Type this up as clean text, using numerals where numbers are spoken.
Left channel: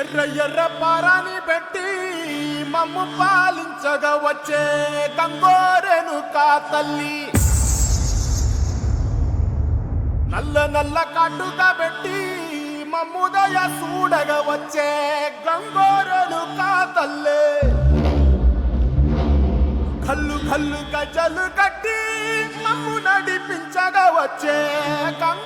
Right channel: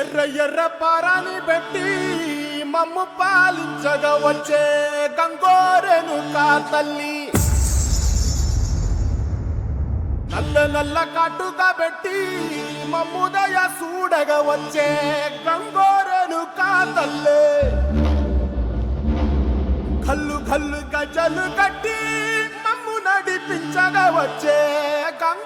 ఎర్ర ఎర్ర పారాని పెట్టి మమ్ము పాలించగా వచ్చే గంగోరెను కా తల్లి, నల్ల నల్ల కాటుగా పెట్టి మమ్ముదయ చూడగా వచ్చే గంగోరెను కా తల్లి, కల్లు కల్లు గజలు కట్టి మమ్ము నడిపించగా వచ్చే గంగ